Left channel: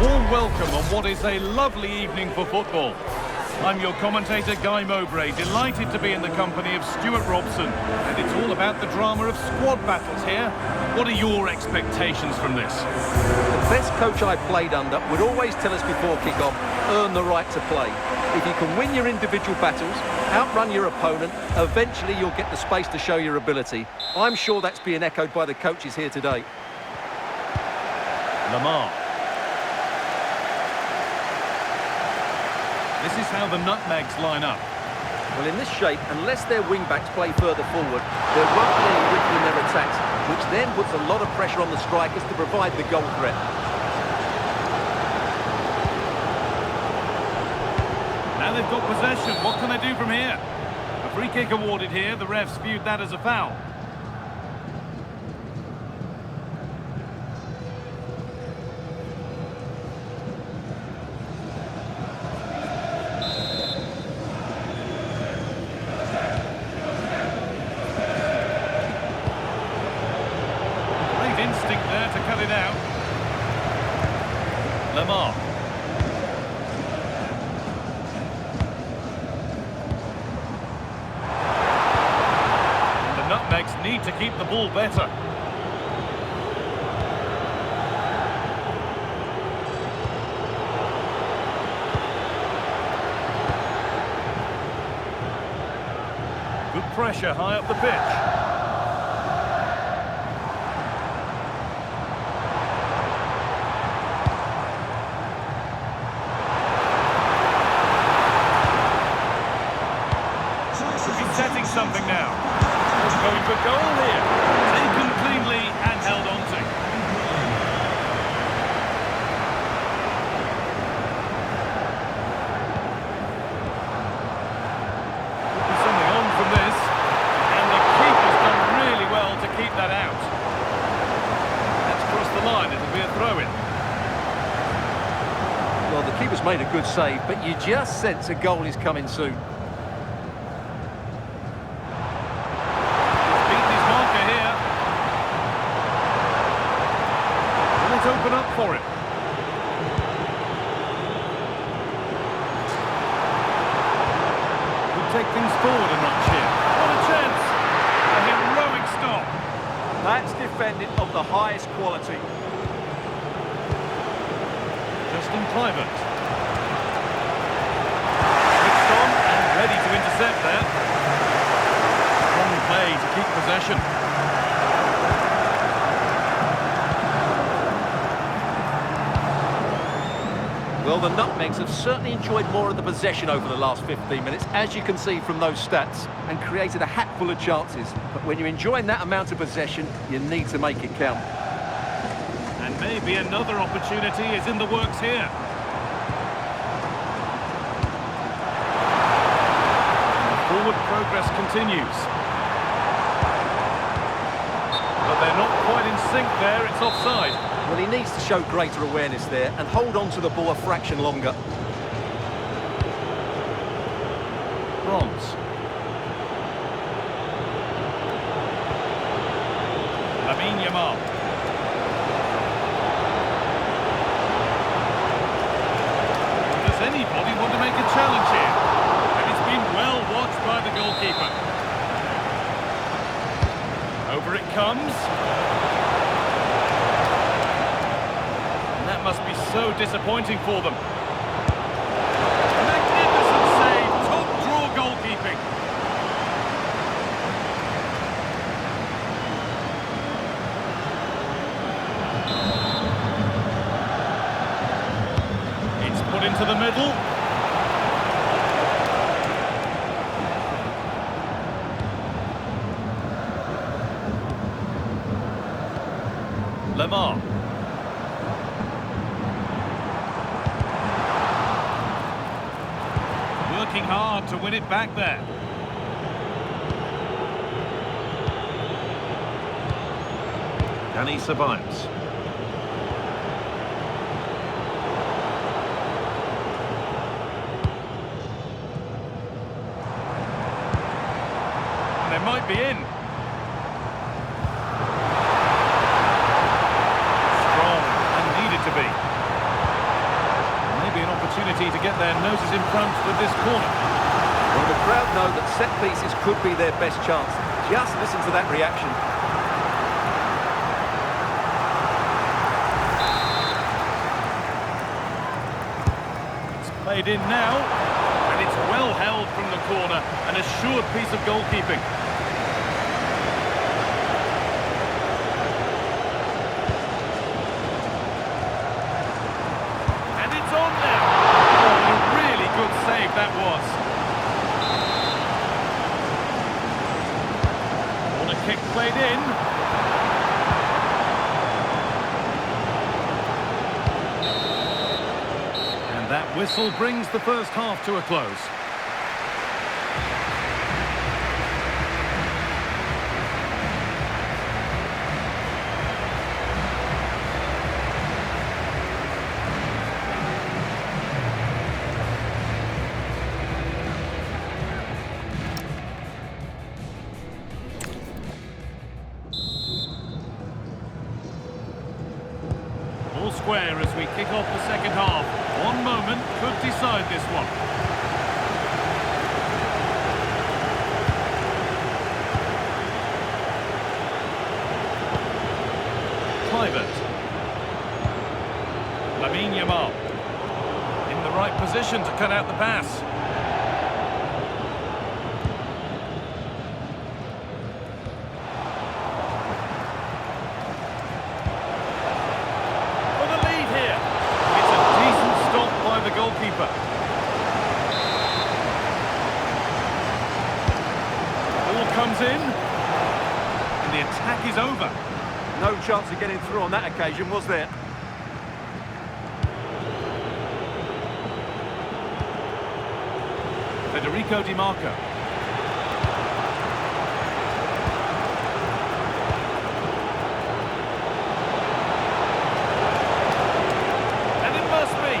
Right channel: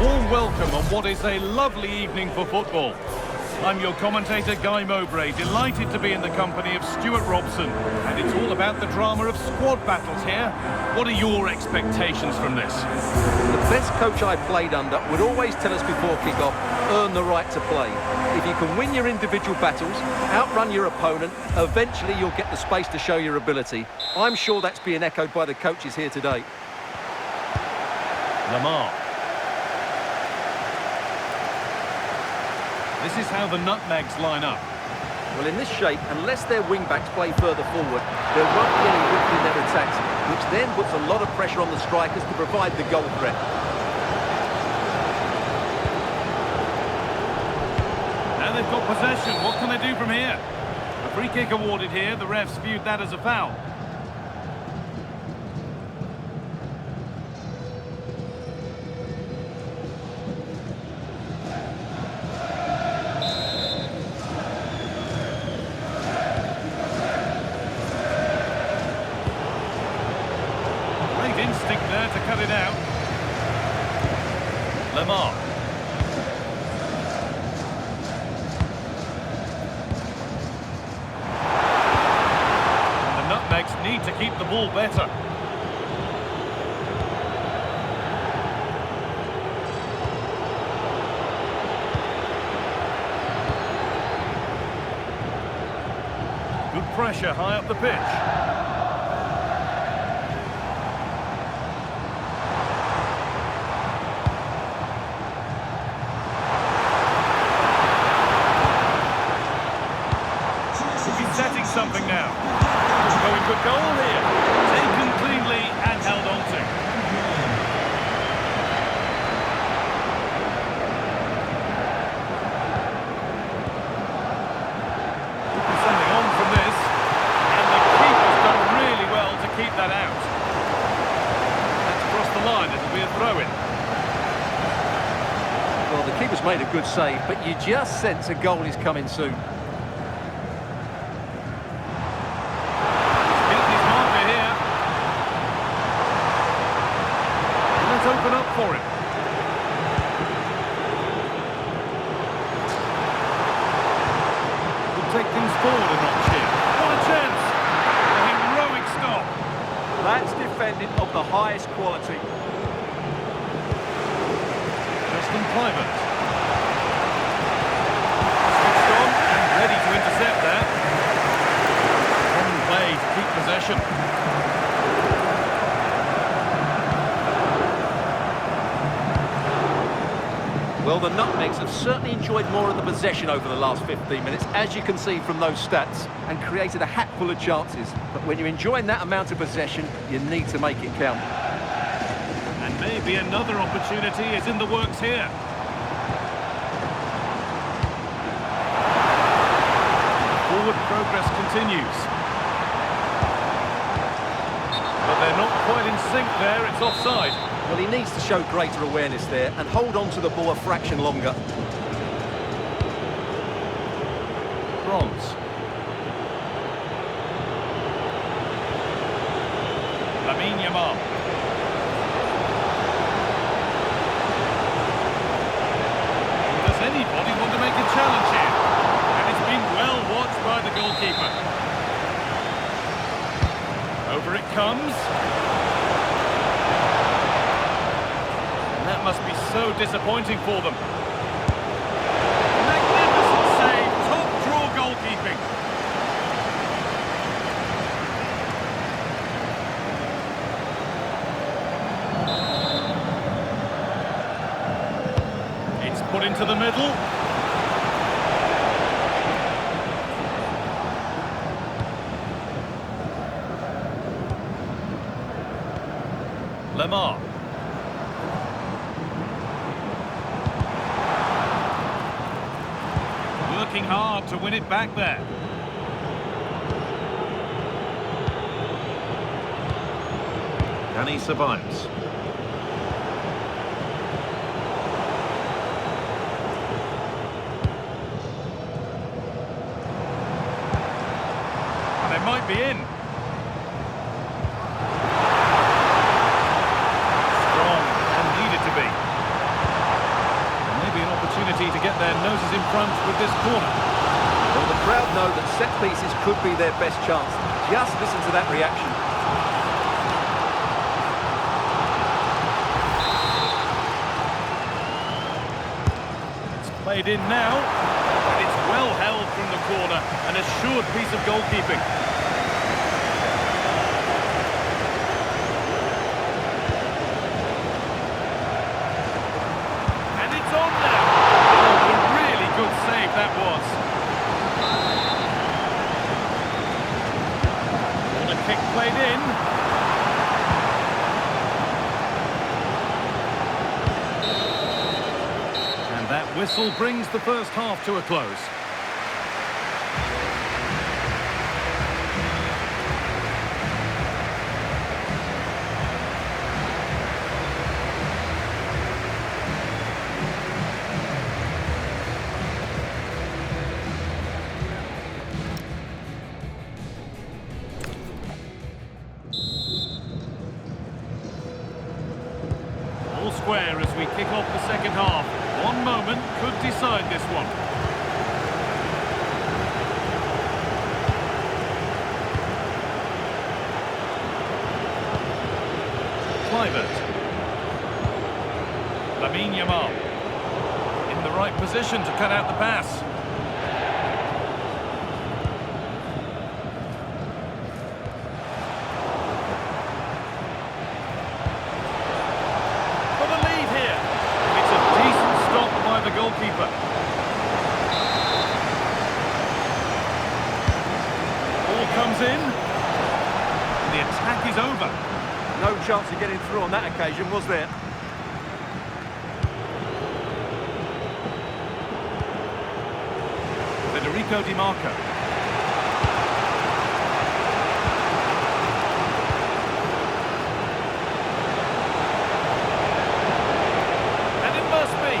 warm welcome on what is a lovely evening for football. I'm your commentator, Guy Mowbray, delighted to be in the company of Stuart Robson. And it's all about the drama of squad battles here. What are your expectations from this? The best coach I played under would always tell us before kick-off, earn the right to play. If you can win your individual battles, outrun your opponent, eventually you'll get the space to show your ability. I'm sure that's being echoed by the coaches here today. Lamar. This is how the nutmegs line up. Well, in this shape, unless their wing-backs play further forward, there won't be any width in their attacks, which then puts a lot of pressure on the strikers to provide the goal threat. Now they've got possession. What can they do from here? A free kick awarded here. The refs viewed that as a foul. Instinct there to cut it out. Lamar. And the nutmegs need to keep the ball better. Good pressure high up the pitch. Setting something now. Going for goal here. Taken cleanly and held on to. Could be something on from this. And the keeper's done really well to keep that out. That's crossed the line. It'll be a throw-in. Well, the keeper's made a good save, but you just sense a goal is coming soon. Let's open up for him. Could take things forward a notch here. What a chance! A heroic stop. That's defending of the highest quality. Justin Private. Switched on and ready to intercept there. Strong play to keep possession. Well, the nutmegs have certainly enjoyed more of the possession over the last 15 minutes, as you can see from those stats, and created a hatful of chances. But when you're enjoying that amount of possession, you need to make it count. And maybe another opportunity is in the works here. And the forward progress continues. But they're not quite in sync there, it's offside. Well, he needs to show greater awareness there and hold on to the ball a fraction longer. Bronze. Lamine Yamal. Does anybody want to make a challenge here? And it's been well watched by the goalkeeper. Over it comes. That must be so disappointing for them. Magnificent save, top draw goalkeeping. It's put into the middle. Lamar. Working hard to win it back there. And he survives. And they might be in. Strong and needed to be. opportunity to get their noses in front with this corner. Well, the crowd know that set pieces could be their best chance. Just listen to that reaction. It's played in now, and it's well held from the corner, an assured piece of goalkeeping. And it's on now. Oh, what a really good save that was. Corner kick played in. And that whistle brings the first half to a close. All square as we kick off the second half. One moment could decide this one. Kluivert. Lamine Yamal. In the right position to cut out the pass. For the lead here. It's a decent stop by the goalkeeper. Ball comes in. And the attack is over. No chance of getting through on that occasion, was there? Federico Di Marco. And it must be.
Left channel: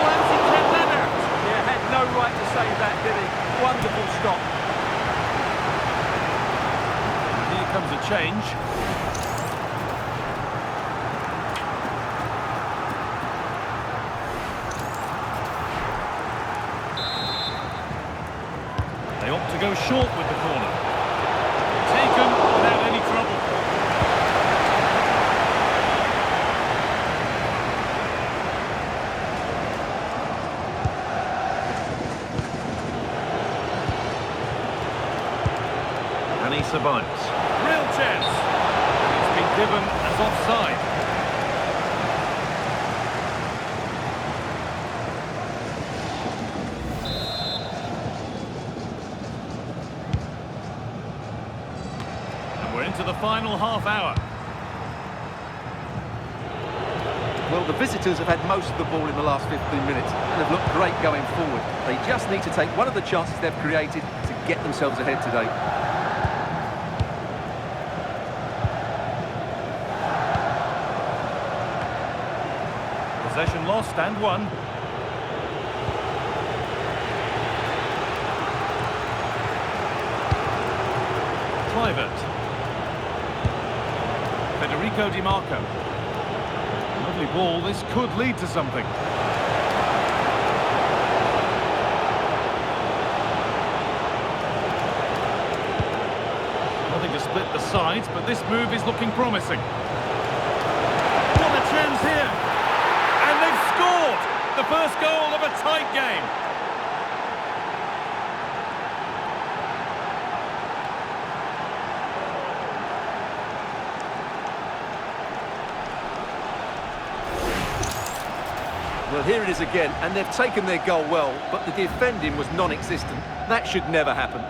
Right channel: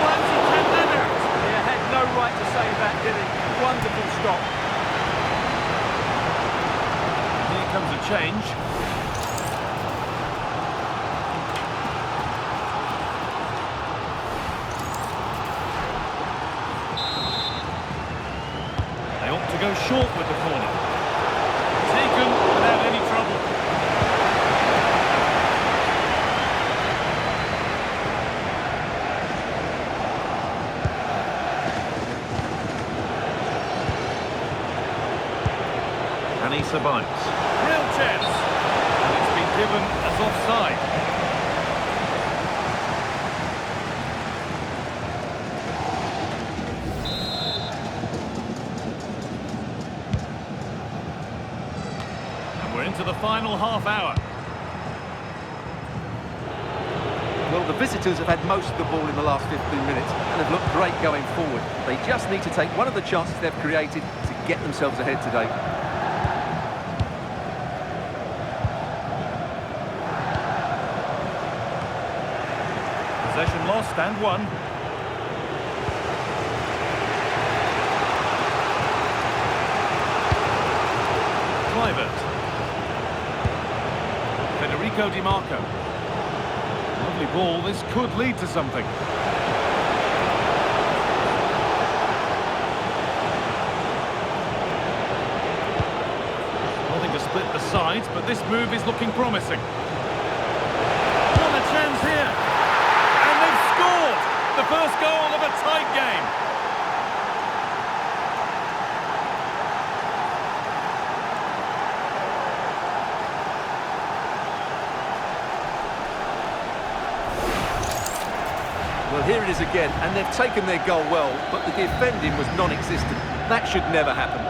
Once he can that out. Yeah, had no right to save that, did he? Wonderful stop. And here comes a change. They opt to go short with the corner. Taken without any trouble. And he survives. Real chance. And it's been given as offside. We're into the final half hour. Well, the visitors have had most of the ball in the last 15 minutes and have looked great going forward. They just need to take one of the chances they've created to get themselves ahead today. Possession lost and won. Kluivert. Federico Di Marco. Lovely ball, this could lead to something. Nothing to split the sides, but this move is looking promising. What a chance here! And they've scored! The first goal of a tight game. Well, here it is again, and they've taken their goal well, but the defending was non-existent. That should never happen.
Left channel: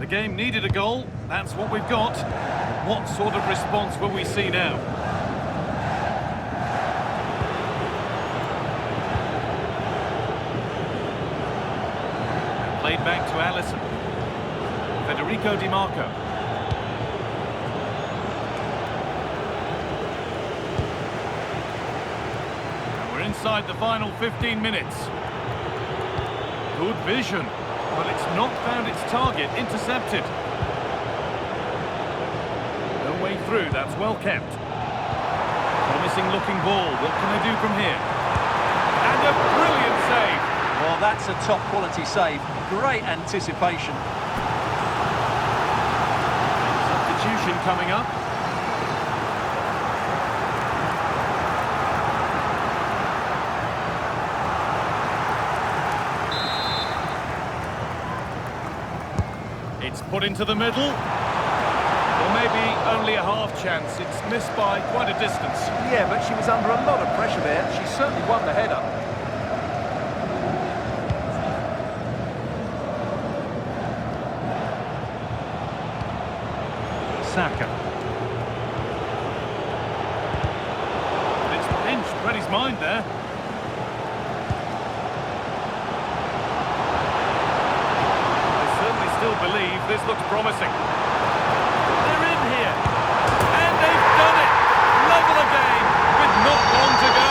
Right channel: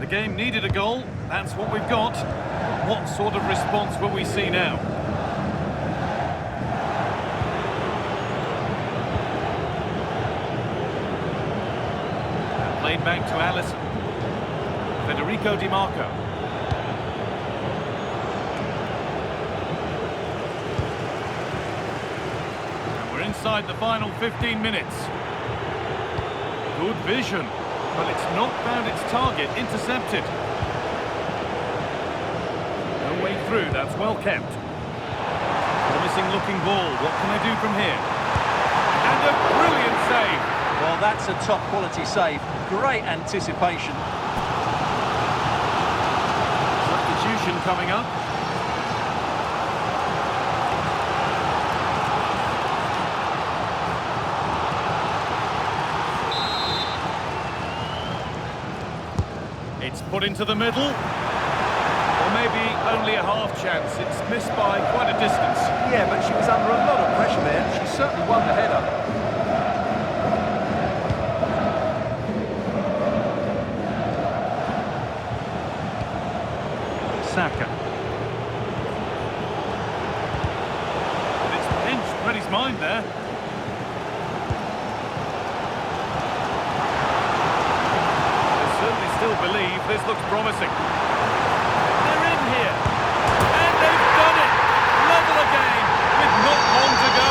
The game needed a goal, that's what we've got. But what sort of response will we see now? it back to Allison. Federico Di Marco. And we're inside the final 15 minutes. Good vision, but it's not found its target. Intercepted. No way through, that's well kept. Promising looking ball, what can they do from here? And a brilliant save! Well, that's a top quality save. Great anticipation. Substitution coming up. It's put into the middle. Or maybe only a half chance. It's missed by quite a distance. Yeah, but she was under a lot of pressure there. She certainly won the header. Saka. And it's pinched Freddie's mind there. They certainly still believe this looks promising. They're in here. And they've done it. Level again with not long to go.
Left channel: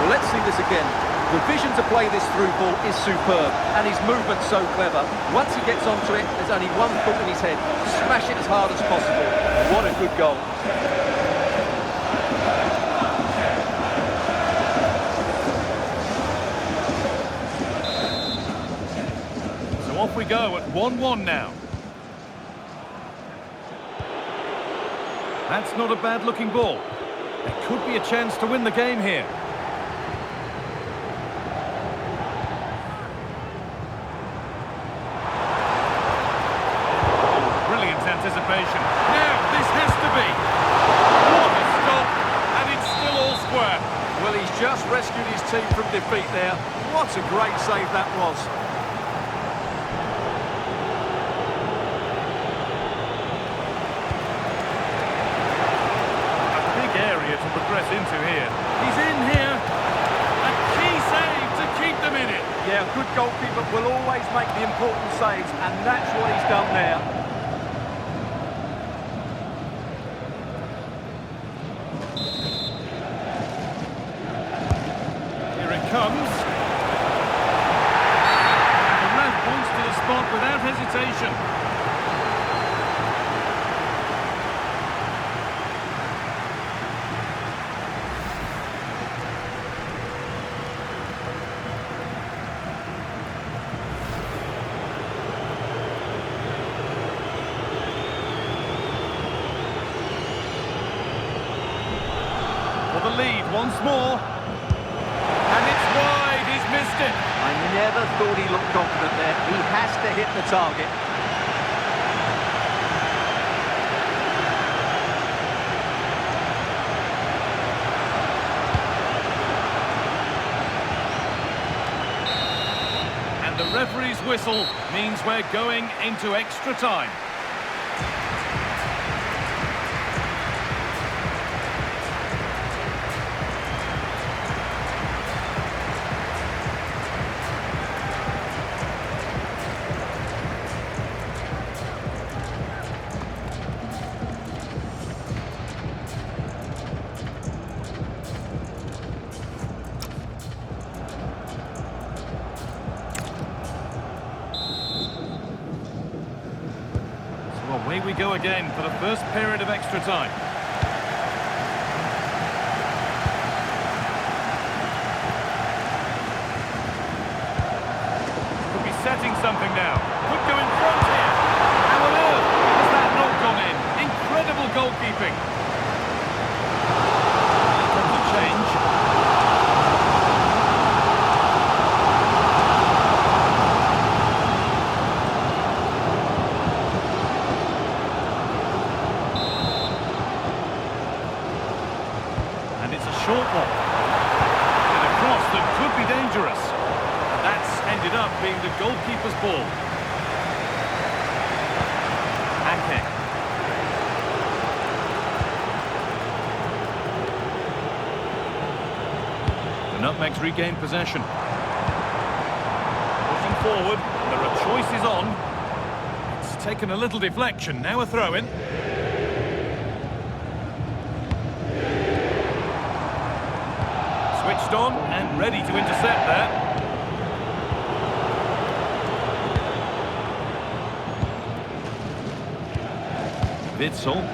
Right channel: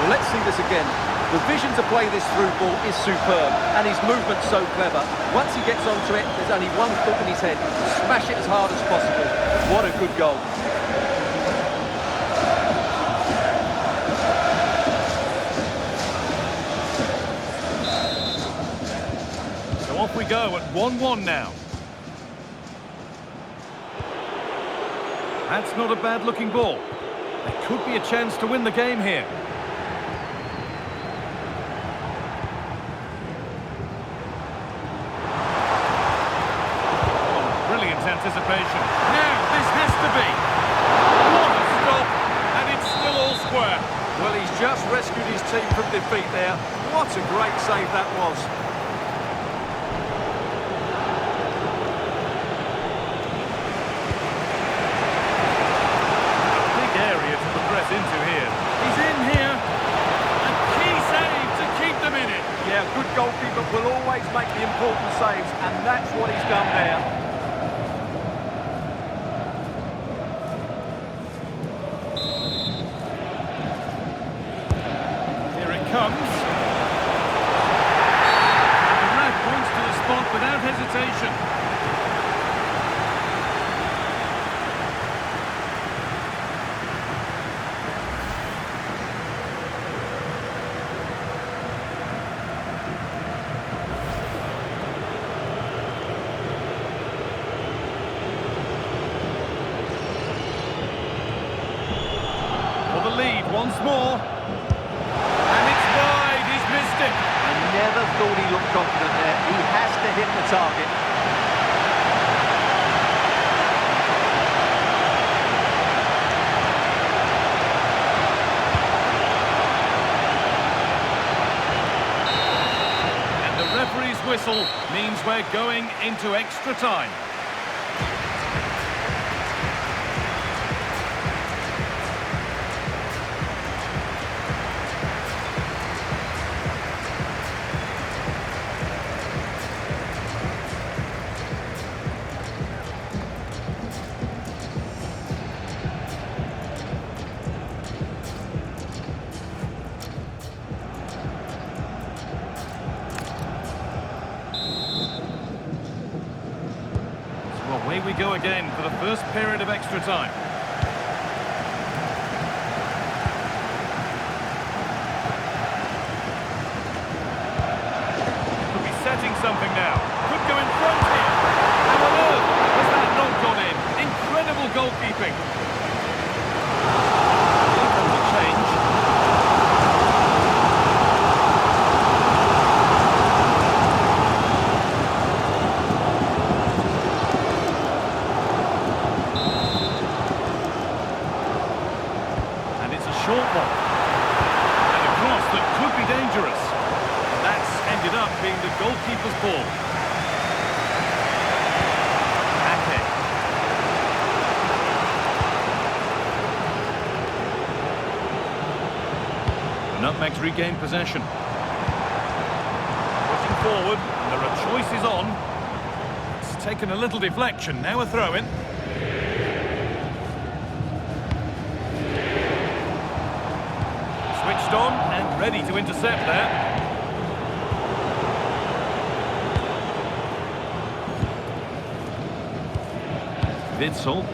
Well, let's see this again. The vision to play this through ball is superb, and his movement's so clever. Once he gets onto it, there's only one thought in his head: smash it as hard as possible. What a good goal. So off we go at 1-1 now. That's not a bad-looking ball. There could be a chance to win the game here. Brilliant anticipation. Now, this has to be. What a stop. And it's still all square. Well, he's just rescued his team from defeat there. What a great save that was. A big area to progress into here. He's in here. A key save to keep them in it. Yeah, a good goalkeeper will always make the important saves, and that's what he's done there. Comes. And the ref points to the spot without hesitation. For the lead once more. And it's wide, he's missed it. I never thought he looked confident there. He has to hit the target. And the referee's whistle means we're going into extra time. Away we go again for the first period of extra time. Could be setting something now. Could go in front here. How on earth has that not gone in? Incredible goalkeeping. Here comes a change. And it's a short one. And a cross that could be dangerous. And that's ended up being the goalkeeper's ball. Ake. The Nutmegs regain possession. Pushing forward, and there are choices on. It's taken a little deflection, now a throw-in. Switched on and ready to intercept there. Witsel.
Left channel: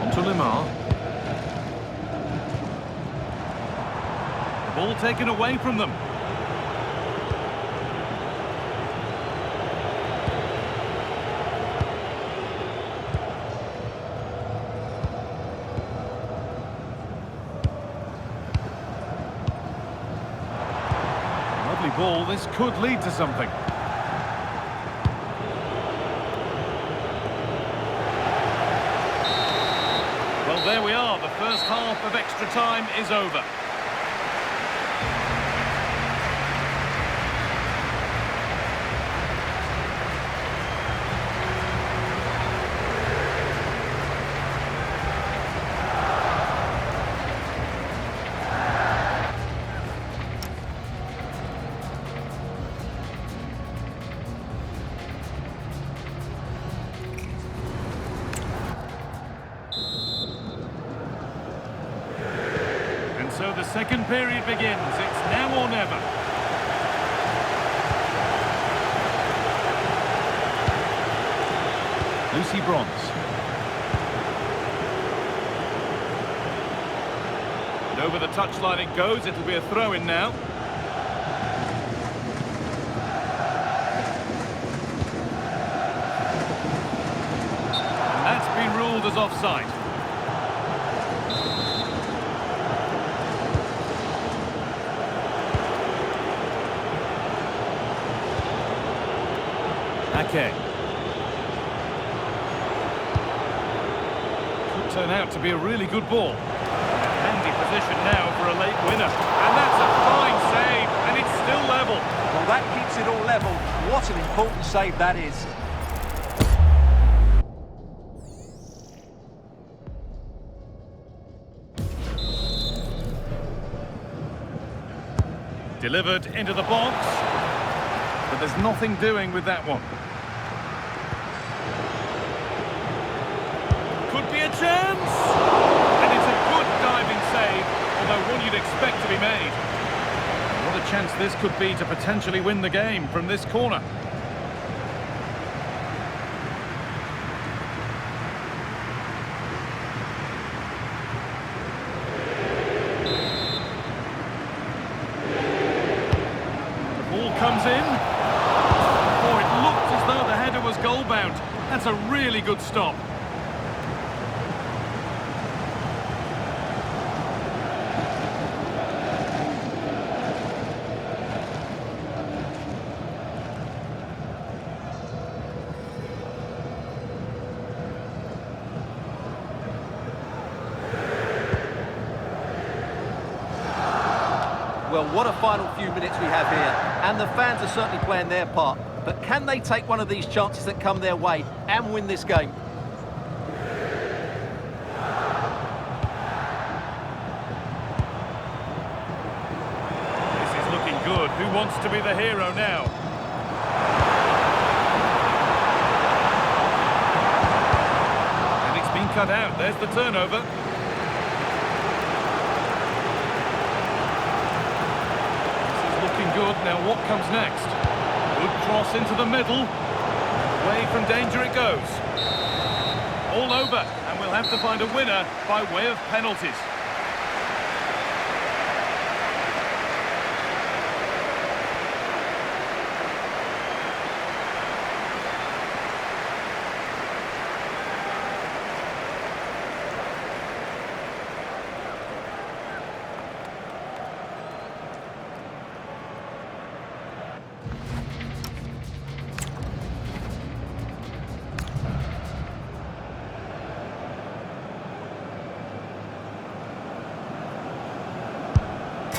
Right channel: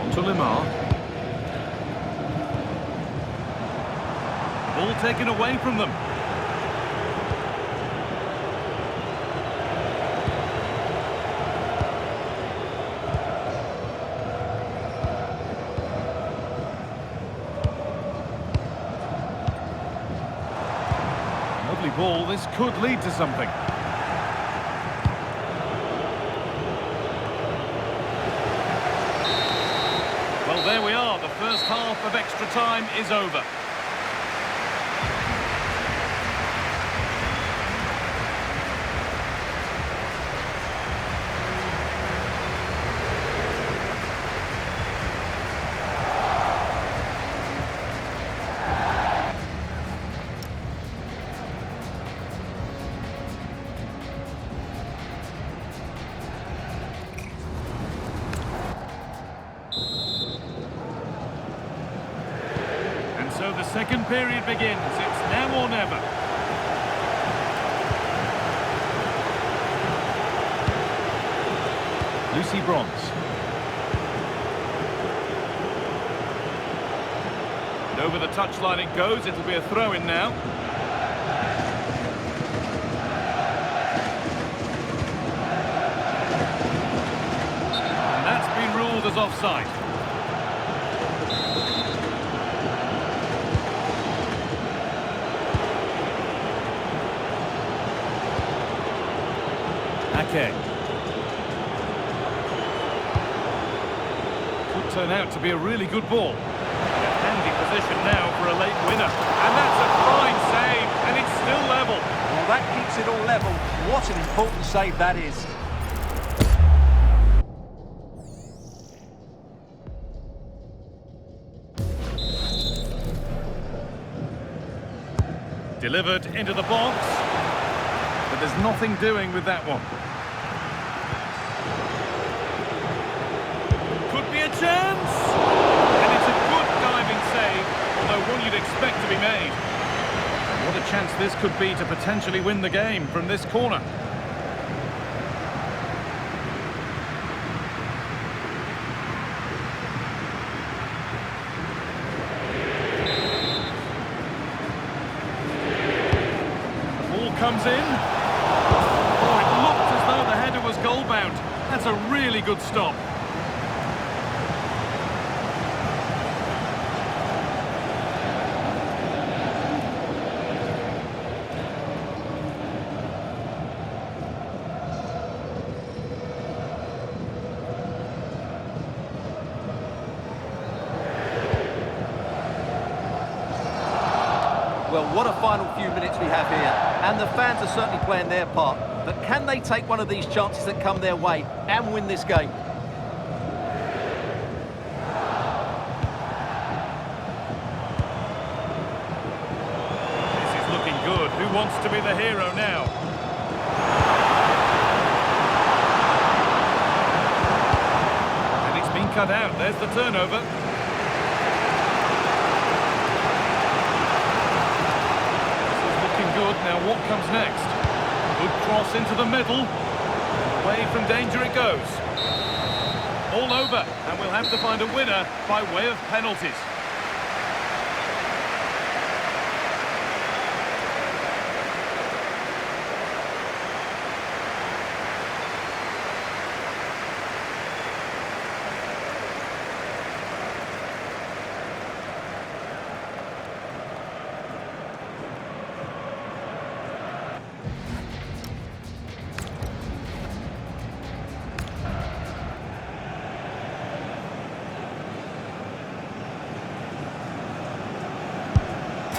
On to Limar. The ball taken away from them. Lovely ball, this could lead to something. Well, there we are, the first half of extra time is over. And so the second period begins. It's now or never. Lucy Bronze. And over the touchline it goes. It'll be a throw-in now. And that's been ruled as offside. Ake. Could turn out to be a really good ball. In a handy position now for a late winner. And that's a fine save, and it's still level. Well, that keeps it all level. What an important save that is. Delivered into the box. But there's nothing doing with that one. Could be a chance! And it's a good diving save, although one you'd expect to be made. And what a chance this could be to potentially win the game from this corner. The ball comes in. Oh, it looked as though the header was goal-bound. That's a really good stop. Well, what a final few minutes we have here. And the fans are certainly playing their part. But can they take one of these chances that come their way and win this game? This is looking good. Who wants to be the hero now? And it's been cut out. There's the turnover. This is looking good. Now what comes next? Good cross into the middle. And away from danger it goes. All over, and we'll have to find a winner by way of penalties.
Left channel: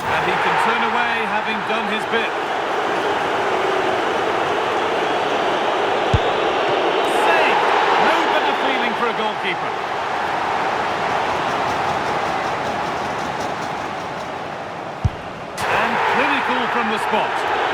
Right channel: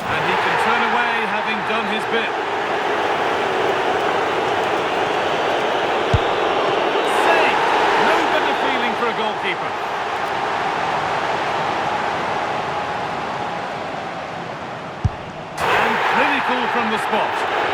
And he can turn away, having done his bit. keeper. And clinical from the spot.